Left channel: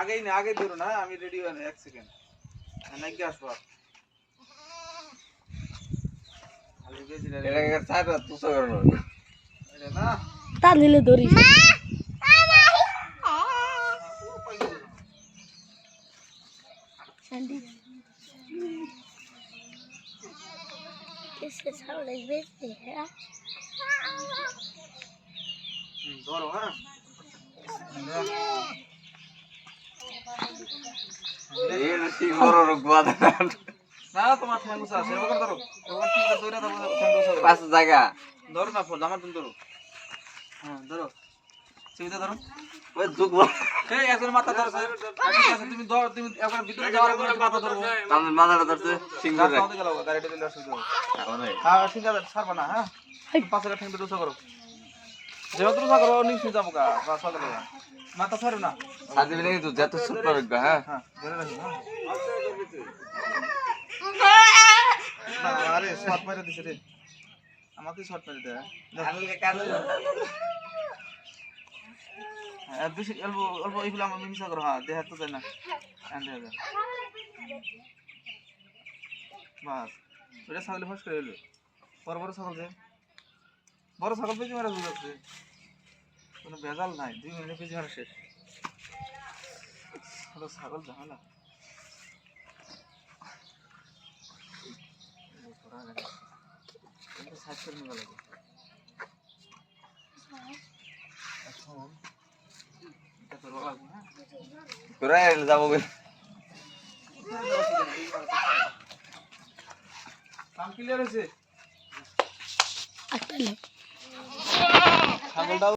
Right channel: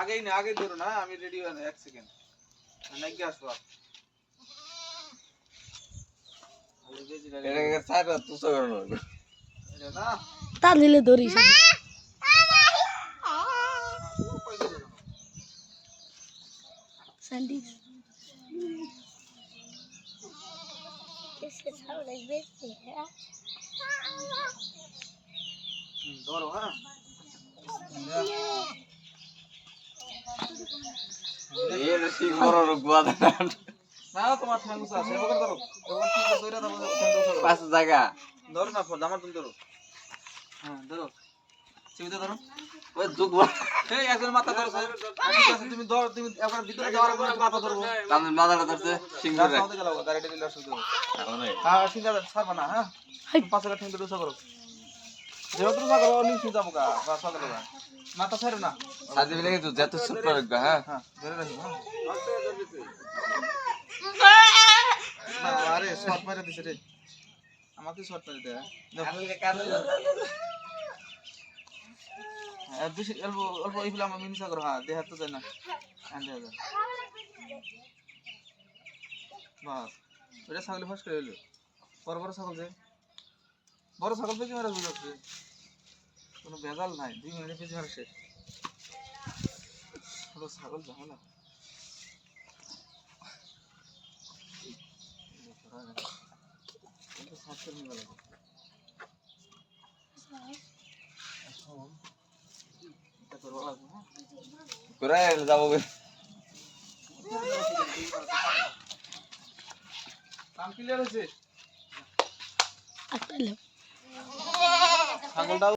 আগেই না আগে ধরো না আমি রেডি হই না 1 সেকেন্ড নাকি আসবা খালি বেজি না এটা সারা তুসো করো এটা না তা দিলে ধরিস সান্ডি किसके सामने बेचते हैं ধরো হ্যাঁ এই ঠিক বড় রুকবা না তোমার ঠ্যাঙ্গুস আছে এবার ধরো এবার কি ধরে দাও ঠ্যাঙ্গুস পাঁচ জায়গা ধরো না ফল আমার তুমি ধরো হ্যাঁ ধরো সিধা ধরো ওই দুকবা এই একজন মাথা ধরছে ঠিক আছে তুমি ধরো তুমি একবার ভিতরে যাওয়ার পরে মাথা ধরো কামন মাথাটা ধরছে সিংহ রে রাস্তা গেল গাড়িটা দিলে অসুবিধা হবে হ্যাঁ ঠিক আছে ছাড়বা না হ্যাঁ পাশে ঠ্যাং ধরে করো যেহেতু না করো নিচে যাবো গা রাস্তা গেল মাথা ছাড়ো না সাথে মিলে কিন্তু যত সুপার গা হ্যাঁ হ্যাঁ ধরে রাখি হ্যাঁ আরে শর্ট মেরে দিছে রে আমাকে শর্ট মেরে দে হ্যাঁ বেশি অল্প অল্প এইগুলো আমার মিনিসা করো হ্যাঁ দেহ তো যায় না আনতে হবে বাস ওটা ছাগল ফাঁস করে এলো বড় বড় ছাগল যে বড় ছাগল পেঁচে মারা বুঝাচ্ছে কোনো ভেজাল নাই 2 মিনিটে পেঁচে মারা শেষ হলো ছাগল ঝামেলা সাইড করে নিয়ে গেল এটা তো লাগবে হ্যাঁ করে যাব কাম ক্লিয়ার আছে একটা ছাগলটা